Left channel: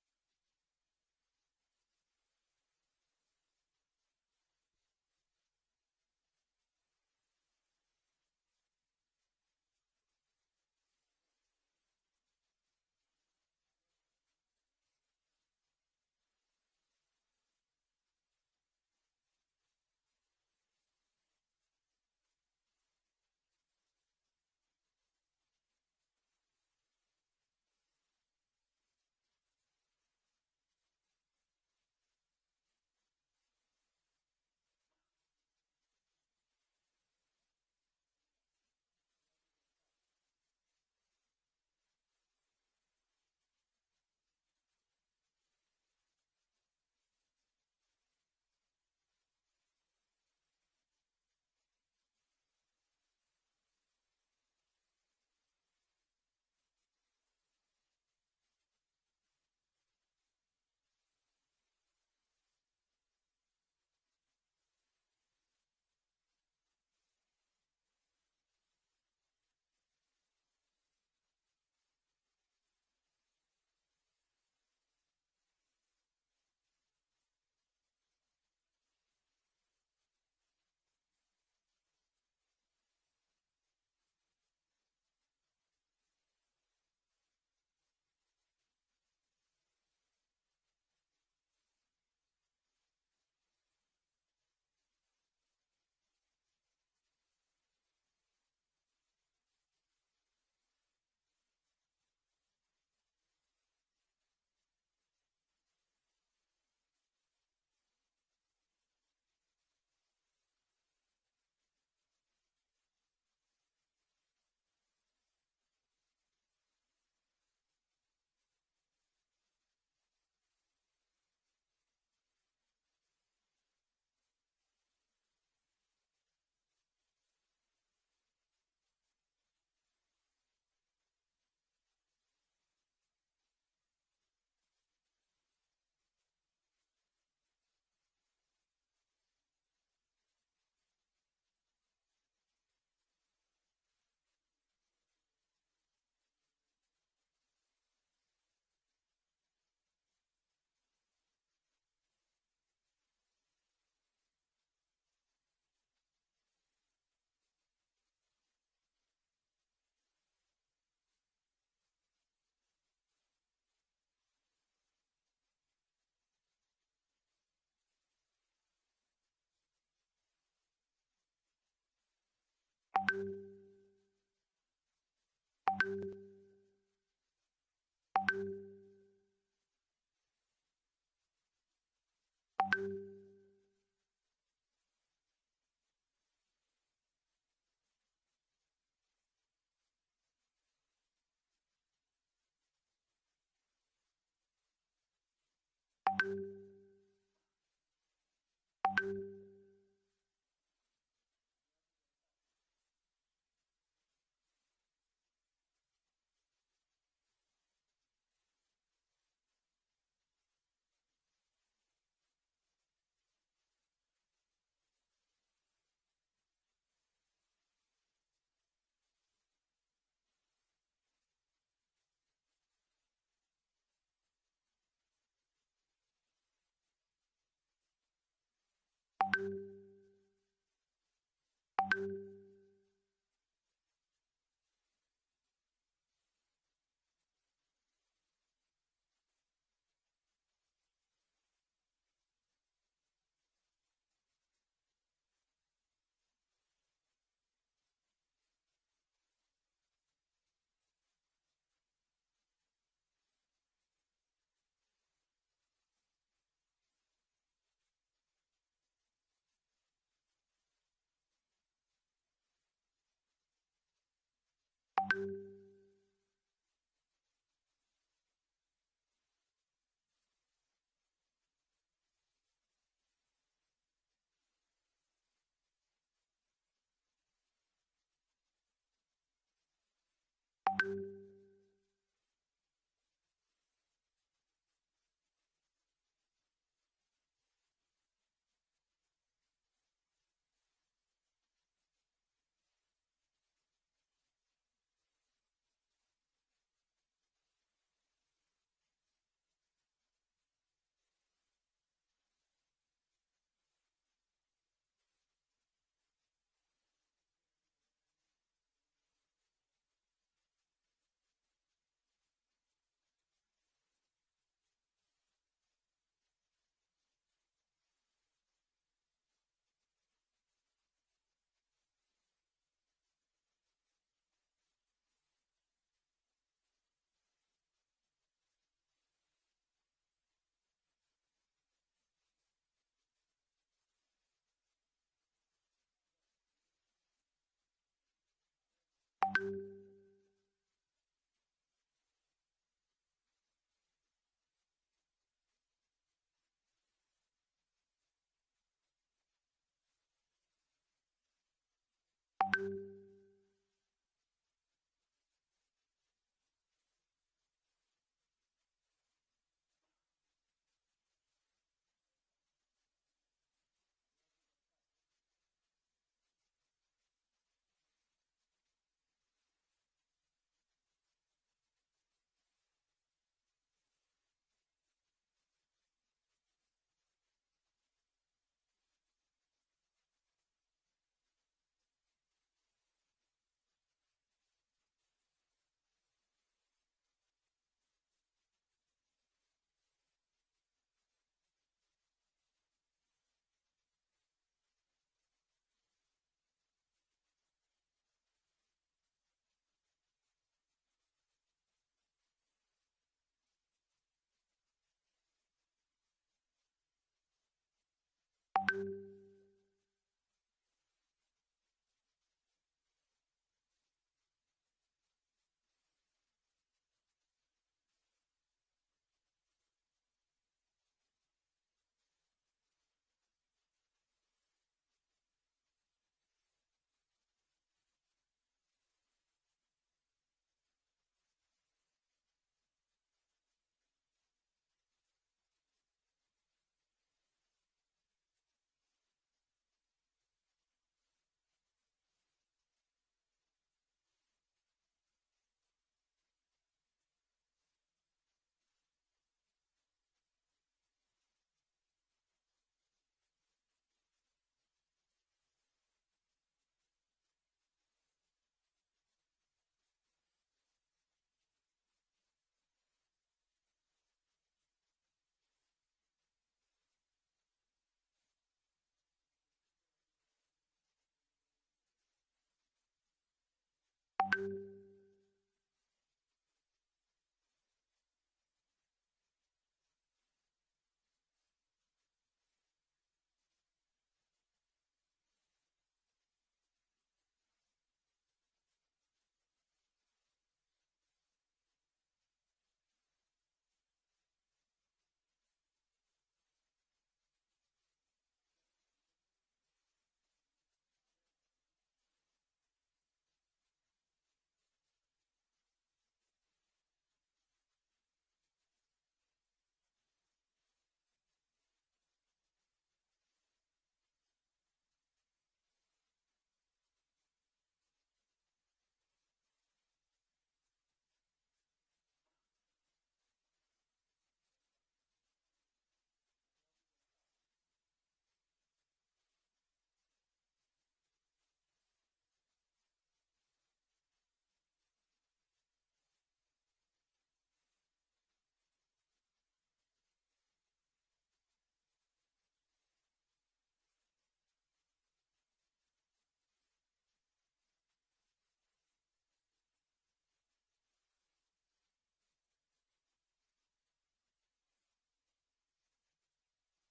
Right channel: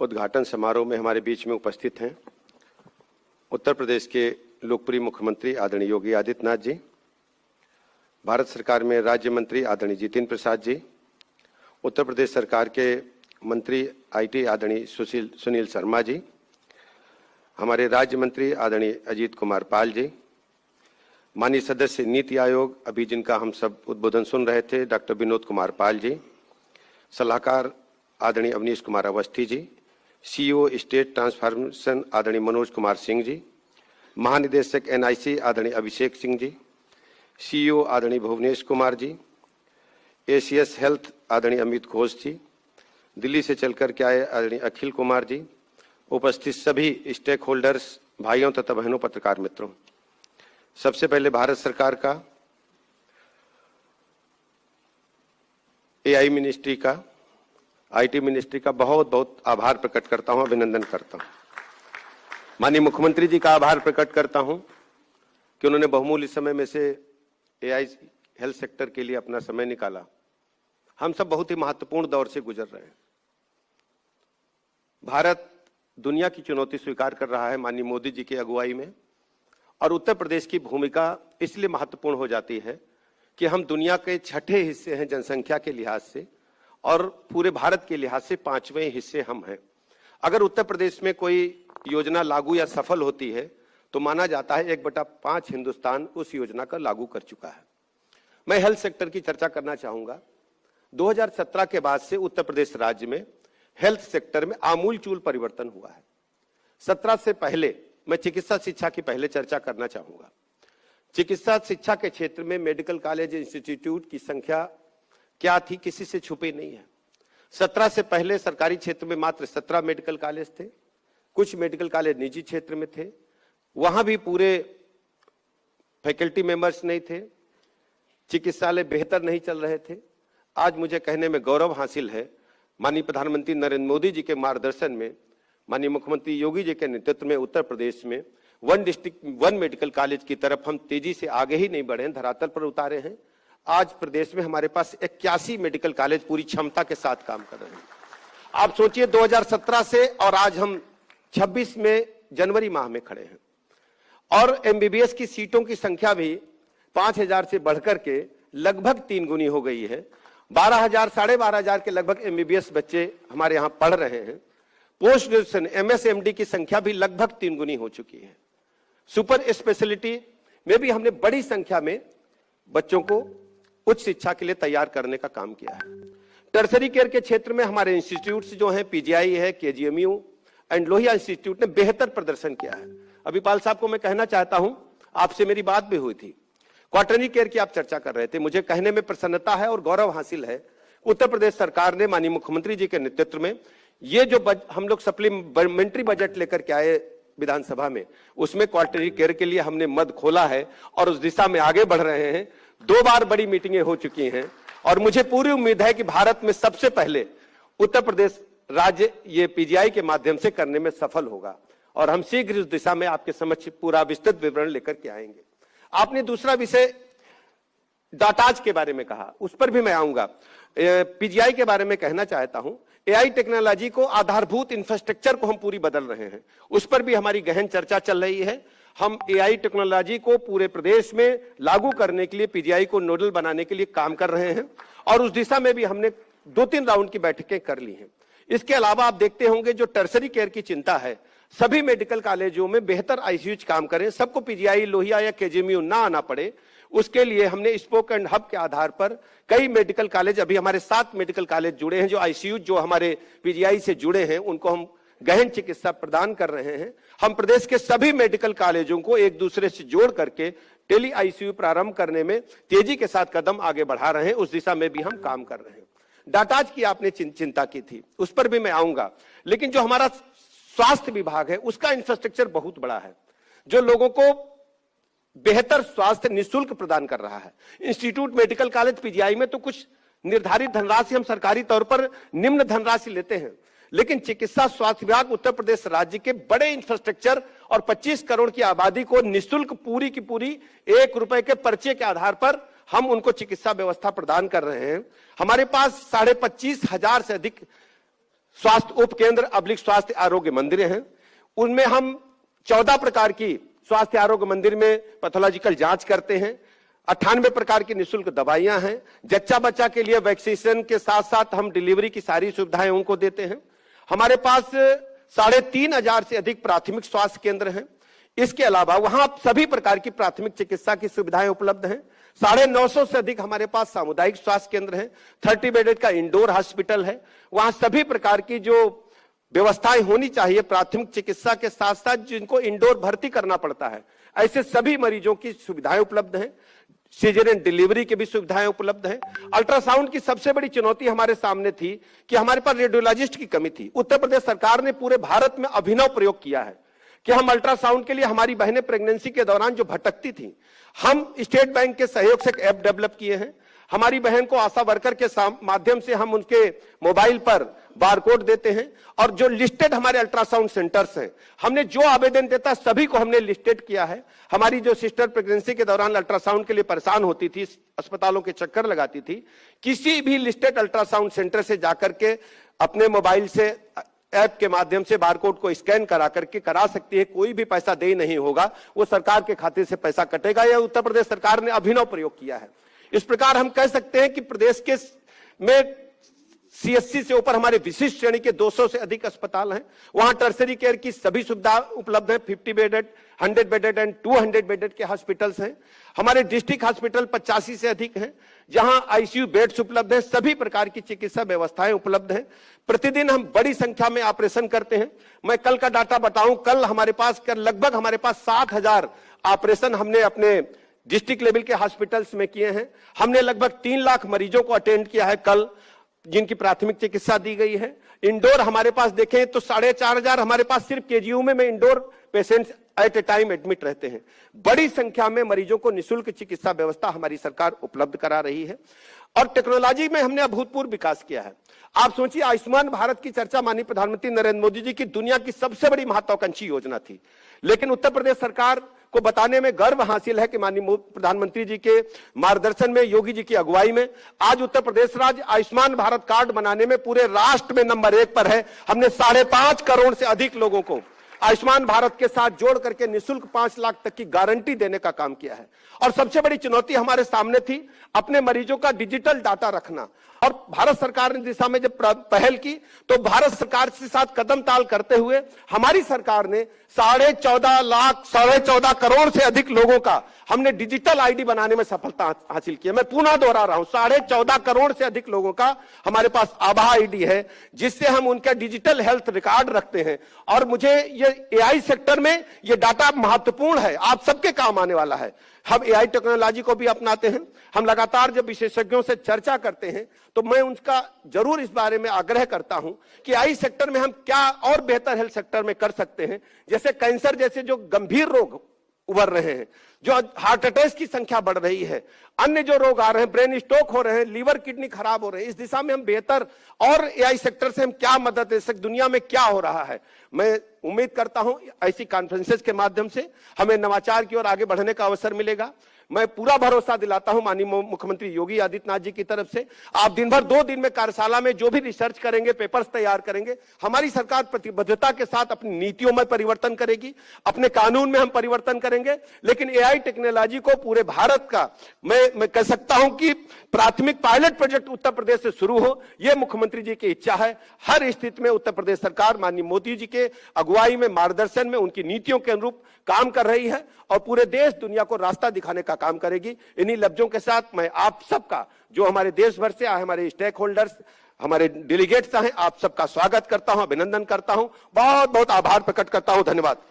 उद्घाटन समारोह में हमारे बीच में उपस्थित हैं उत्तर प्रदेश के लोकप्रिय मुख्यमंत्री आदरणीय योगी आदित्यनाथ जी, भारत सरकार में राज्य मंत्री आदरणीय जितेंद्र प्रसाद जी, उत्तर प्रदेश सरकार के मंत्री आईटी आदरणीय सुनील शर्मा जी, हमारे राज्य मंत्री आदरणीय अजीत कुमार पाल जी, माननीय सदस्य नीति आयोग अभी जिनका हम सब उद्बोधन सुन रहे थे डॉक्टर विनोद कुमार पाल जी, सलाहकार आदरणीय Awanish Kumar Awasthi ji, CEO state transformation आदरणीय मनोज कुमार सिंह जी, महानिदेशक एनआईसी आदरणीय अभिषेक सिंह जी, सीईओ आदरणीय भुवनेश कुमार जी, एसीएस हेल्थ आदरणीय अमित घोष जी, दिल्ली से चलकर के आए आदरणीय अखिल कुमार जी, उपस्थित सभी स्टेक होल्डर्स भाइयों तथा बहनों पत्रकार मित्रों, सबसे पहले भारत सरकार का, एआई मिनिस्ट्री का, आईटी मिनिस्ट्री का बहुत बहुत आभार प्रकट करता हूं, अभिनंदन करता हूं। माननीय मुख्यमंत्री जी का आभार प्रकट करता हूं कि उन्होंने बहुमूल्य समय में से एआई हेल्थ सेक्टर के लिए अपना समय निकाला। हम सब बहुत ही महत्वपूर्ण दौर से गुजर रहे हैं। भारत दुनिया की चुनौती स्वीकार कर रहा है माननीय मोदी जी की अगुवाई में, और उत्तर प्रदेश की भूमिका इसलिए महत्वपूर्ण हो जाती है कि हम दुनिया के छठे हिस्से हैं जनसंख्या के लिहाज से, और पूरे भारत के लिहाज से 5वें हिस्से हम हैं। अगर उत्तर प्रदेश में कोई योजना लागू या सफल होती है तो माना जाता है 1/5 हिंदुस्तान उस योजना का लागू कर चुका है। मैं हेल्थ सेक्टर की चर्चा करना चाहूंगा। 2017 के बाद से उत्तर प्रदेश राज्य में हेल्थ सेक्टर में आमूलचूल परिवर्तन हुआ है। 17 से पहले मैं चिकित्सा शिक्षा की पहले चर्चा करना चाहूंगा। चिकित्सा शिक्षा के क्षेत्र में मेडिकल कॉलेज इंस्टीट्यूट की संख्या क्या थी, किसी से छुपी नहीं है। 17 से पहले सरकारी क्षेत्र में मात्र 17 मेडिकल कॉलेज थे, कुछ मेडिकल कॉलेज निजी क्षेत्र में थे, वहां भी पूरे फैकल्टी मेंबर्स नहीं थे, चिकित्सालय बेहतर नहीं चल रहे थे। आज मुझे कहने में गौरव हासिल है, माननीय प्रधानमंत्री नरेंद्र मोदी जी के मार्गदर्शन में, माननीय मुख्यमंत्री योगी जी के नेतृत्व में उत्तर प्रदेश में 1 डिस्ट्रिक्ट 1 मेडिकल कॉलेज की तरफ हम तेजी से आगे ही नहीं बढ़े, धरातल पर उतारे हैं। आज प्रदेश में हमारे पास 81 मेडिकल कॉलेज पूरी क्षमता के साथ काम कर रहे हैं। आप सोचिए 2017 से और आज हम 26 में जनवरी माह में खड़े हैं, और एमबीबीएस की सीटों की संख्या भी 5000 से बढ़कर के लगभग 3 गुनी हो गई है। 12,000 साढ़े 12,000 के लगभग एमबीबीएस बच्चे हमारे यहाँ पढ़ रहे हैं। पोस्ट ग्रेजुएशन एमएसएमडी की संख्या भी लगभग 3 गुनी हो चुकी है। सुपर स्पेशलिटी में भी हमने बड़ी संख्या में बच्चों को उच्च शिक्षा के लिए तैयार करने का काम किया है। टर्सरी केयर के क्षेत्र में हमारे इंस्टीट्यूट्स जो हैं, पीजीआई है, केजीएमयू एंड लोहिया इंस्टीट्यूट ने बेहतर प्रदर्शन किया है। अभी पाल साहब को मैं कहना चाहता हूं, आपसे मेरी बात भी हुई थी, क्वार्टरली केयर की आप चर्चा कर रहे थे, मुझे कहने में प्रसन्नता है और गौरव हासिल है। उत्तर प्रदेश सरकार ने माननीय मुख्यमंत्री जी के नेतृत्व में ये जो हम लोग सप्लीमेंट्री बजट लेकर के आए विधानसभा में, उसमें क्वार्टरली केयर के लिए हमने मद खोला है और उस दिशा में आगे बढ़ रहे हैं। 2 बार बड़ी मीटिंगें हो चुकी हैं और मुझे पूरी उम्मीद है कि भारत में सबसे पहले उत्तर प्रदेश राज्य ये पीजीआई के माध्यम से करने में सफल होगा, और हम शीघ्र इस दिशा में आपके समक्ष पूरा विस्तृत विवरण लेकर के आएंगे। आपने दूसरा विषय डाटाज के बारे में कहा, उस पर भी मैं आऊंगा। पीजीआई के बारे में कहना चाहता हूं, एआई टेक्नोलॉजी को, आधारभूत इंफ्रास्ट्रक्चर को हम पूरी बदल रहे हैं, उस पर भी हमारी गहन चर्चा चल रही है। हम एआई टेक्नोलॉजी को पूरे प्रदेश में लागू करने के लिए, पीजीआई को नोडल बनाने के लिए काम कर रहे हैं, और उस दिशा में भी हमने 2-3 राउंड की बैठकें कर ली हैं। इसके अलावा आप देखते होंगे जो टर्सरी केयर की चिंता है, सभी मेडिकल कॉलेजों में बेहतर आईसीयू काम करें, सबको पीजीआई, लोहिया या केजीएमयू ना आना पड़े, उसके लिए हमने स्पोक एंड हब के आधार पर कई मेडिकल कॉलेज, अभी हमारे 7 मेडिकल कॉलेज जुड़े हैं, जो आईसीयू जो हमारे पीजीआई से जुड़े हैं उनको हम गहन चिकित्सा प्रदान कर रहे हैं। हम प्रदेश के सभी मेडिकल कॉलेजों को एक दूसरे से जोड़ करके टेली आईसीयू प्रारंभ करने में तेजी के साथ कदम आगे बढ़ा रहे हैं, उस दिशा में भी हम काम कर रहे हैं। डाटाज की आपने चिंता की थी, उस पर भी मैं आऊंगा, लेकिन जो हमारा स्वास्थ्य विभाग है उसका इंफ्रास्ट्रक्चर बहुत बड़ा है, जो लोगों को बेहतर स्वास्थ्य निःशुल्क प्रदान कर रहा है। इंस्टीट्यूट, मेडिकल कॉलेज, पीजीआई में तो कुछ निर्धारित धनराशि हम सरकारी तौर पर निम्न धनराशि लेते हैं, लेकिन चिकित्सा स्वास्थ्य विभाग उत्तर प्रदेश राज्य के बड़े इंफ्रास्ट्रक्चर और 25 करोड़ की आबादी को निःशुल्क पूरी की पूरी 1 रुपए के पर्चे के आधार पर हम उनको चिकित्सा व्यवस्था प्रदान कर रहे हैं। हमारे पास 25,500 से अधिक स्वास्थ्य उप केंद्र अब्लिक स्वास्थ्य आरोग्य मंदिर हैं। उनमें हम 14 प्रकार की स्वास्थ्य आरोग्य मंदिर में पैथोलॉजिकल जांच करते हैं। 98 प्रकार की निःशुल्क दवाइयां हैं। जच्चा बच्चा के लिए वैक्सीनेशन के साथ साथ हम डिलीवरी की सारी सुविधाएं उनको देते हैं। हमारे पास 3,500 से अधिक प्राथमिक स्वास्थ्य केंद्र हैं। इसके अलावा वहां सभी प्रकार की प्राथमिक चिकित्सा की सुविधाएं उपलब्ध हैं। 950 से अधिक हमारे पास सामुदायिक स्वास्थ्य केंद्र हैं। 30 बेडेड का इंडोर हॉस्पिटल है। वहां सभी प्रकार की जो व्यवस्थाएं होनी चाहिए प्राथमिक चिकित्सा के साथ साथ जिनको इंडोर भर्ती करना पड़ता है, ऐसे सभी मरीजों की सुविधाएं उपलब्ध हैं। सीजरियन डिलीवरी की भी सुविधाएं उपलब्ध हैं। अल्ट्रासाउंड की सबसे बड़ी चुनौती हमारे सामने थी कि हमारे पास रेडियोलॉजिस्ट की कमी थी। उत्तर प्रदेश सरकार ने पूरे भारत में अभिनव प्रयोग किया है कि हम अल्ट्रासाउंड के लिए हमारी बहनें प्रेगनेंसी के दौरान जो भटकती थी, हम स्टेट बैंक के सहयोग से एक ऐप डेवलप किए हैं। हमारी बहन को आशा वर्कर के माध्यम से हम उनके मोबाइल पर बारकोड देते हैं और जो लिस्टेड हमारे अल्ट्रासाउंड सेंटर्स हैं, हमने जो आवेदन देता सभी को हमने लिस्टेड किया है। हमारी जो सिस्टर प्रेगनेंसी के दौरान अल्ट्रासाउंड के लिए परेशान होती थी, अस्पतालों के चक्कर लगाती थी, किसी भी लिस्टेड अल्ट्रासाउंड सेंटर से जाकर के अपने मोबाइल से ऐप के माध्यम से बारकोड को स्कैन करा करके करा सकती है। कोई भी पैसा दे नहीं होगा, वो सरकार के खाते से पैसा कटेगा। यह उत्तर प्रदेश सरकार ने अभिनव प्रयोग किया है। इस प्रकार हम कह सकते हैं कि प्रदेश के में CSC से ऊपर हमारे विशिष्ट श्रेणी के 200 से अधिक अस्पताल हैं। वहां टर्सरी केयर की सभी सुविधा उपलब्ध है। 50 बेडेड, 100 बेडेड एंड 200 बेडेड के हॉस्पिटल्स हैं। हमारे डिस्ट्रिक्ट हॉस्पिटल 85 से अधिक हैं, जहां ICU बेड्स उपलब्ध है। सभी प्रकार की चिकित्सा व्यवस्थाएं उपलब्ध हैं। प्रतिदिन हम बड़ी संख्या में ऑपरेशन करते हैं। मैं कल का डाटा बताऊं, कल हमारे पास लगभग 7,000 ऑपरेशन हमने अपने डिस्ट्रिक्ट लेवल के हॉस्पिटल्स में किए हैं। हमने लगभग 3 लाख मरीजों को अटेंड किया है कल, जिनकी प्राथमिक चिकित्सा दी गई है। इंडोर हमारे पास देखें तो 4,500 हमारे पास सिर्फ KGU में इंडोर पेशेंट्स एट ए टाइम एडमिट रहते हैं। बड़ी संख्या में मरीजों को निःशुल्क चिकित्सा व्यवस्था हमारी सरकार उपलब्ध करा रही है और टेक्नोलॉजी में हमने अभूतपूर्व विकास किया है। आप सोचिए, आयुष्मान भारत की चर्चा माननीय प्रधानमंत्री नरेंद्र मोदी जी की दुनिया की सबसे बड़ी महत्वाकांक्षी योजना थी, लेकिन उत्तर प्रदेश सरकार को बताने में गर्व हासिल है कि माननीय प्रधानमंत्री जी के मार्गदर्शन में, योगी जी की अगुवाई में आज उत्तर प्रदेश राज्य आयुष्मान भारत कार्ड बनाने में पूरे राष्ट्र में नंबर 1 पर है। हमने 5.5 करोड़ से अधिक लोगों को आयुष्मान भारत के साथ जोड़ करके निःशुल्क 5 लाख तक की गारंटी देने का काम किया है। और सबसे बड़ी चुनौती हमारे सामने थी अपने मरीजों का डिजिटल डाटा रखना। और भारत सरकार ने दिशा में जब पहल की तो भारत सरकार के साथ कदम ताल करते हुए हमारी सरकार ने 14.5 करोड़ से अधिक लोगों का हमने डिजिटल ID बनाने में सफलता हासिल की है। मैं पुनः दोहरा रहा हूं, 14.5 करोड़ से अधिक लोगों का हमारे पास आभा ID है, जिससे हम उनका डिजिटल हेल्थ रिकॉर्ड रखते हैं। और मुझे ये AI सेक्टर में ये डाटा महत्वपूर्ण है, आप सबके काम आने वाला है। हम AI टेक्नोलॉजी को भी अपनाते हैं। हम लगातार जब विशेषज्ञों से चर्चा करते हैं तो मैं उनका जरूर इस बारे में आग्रह करता हूं कि AI सेक्टर में हम क्या और बेहतर हेल्थ सेक्टर में कर सकते हैं। जैसे कैंसर जैसे जो गंभीर रोग उभर रहे हैं, जो हार्ट अटैक की संख्या बढ़ रही है, अन्य जो रोग आ रहे हैं, ब्रेन स्ट्रोक हो रहे हैं, लीवर किडनी खराब हो रहे हैं, इस दिशा में हम बेहतर और AI सेक्टर से हम क्या मदद दे सकते, दुनिया में क्या हो रहा है। मैं उम्मीद करता हूं ऐसी कॉन्फ्रेंसेस के माध्यम से हमें नवाचार की ओर आगे बढ़ने का अवसर मिलेगा। मैं पूरा भरोसा दिलाता हूं माननीय मुख्यमंत्री योगी आदित्यनाथ जी की तरफ से, आप दिन भर 2 दिन में कार्यशाला में जो भी रिसर्च करेंगे, पेपर्स तैयार करेंगे, हमारी सरकार प्रतिबद्धता के साथ अपनी नीतियों में परिवर्तन करेगी, अपने कानून में हम परिवर्तन करेंगे। लेकिन AI टेक्नोलॉजी को पूरे भारत का मैं कह सकता हूं कि प्राथमिक पायलट प्रोजेक्ट उत्तर प्रदेश से शुरू हो, यह मुख्यमंत्री जी की इच्छा है। हर स्थिति में उत्तर प्रदेश सरकार माननीय मोदी जी के अगुवाई में, मार्गदर्शन में, उनकी नीतियों के अनुरूप काम कर रही है और पूरे देश दुनिया को रास्ता दिखाने का काम करेगी। इन्हीं लफ्जों के साथ मैं आप सबका, जो हमारे देश भर से आए हमारे स्टेक होल्डर्स, हमारे डेलीगेट्स हैं, आप सबका स्वागत करता हूं, अभिनंदन करता हूं, बहुत बहुत आभार प्रकट करता हूं। धन्यवाद।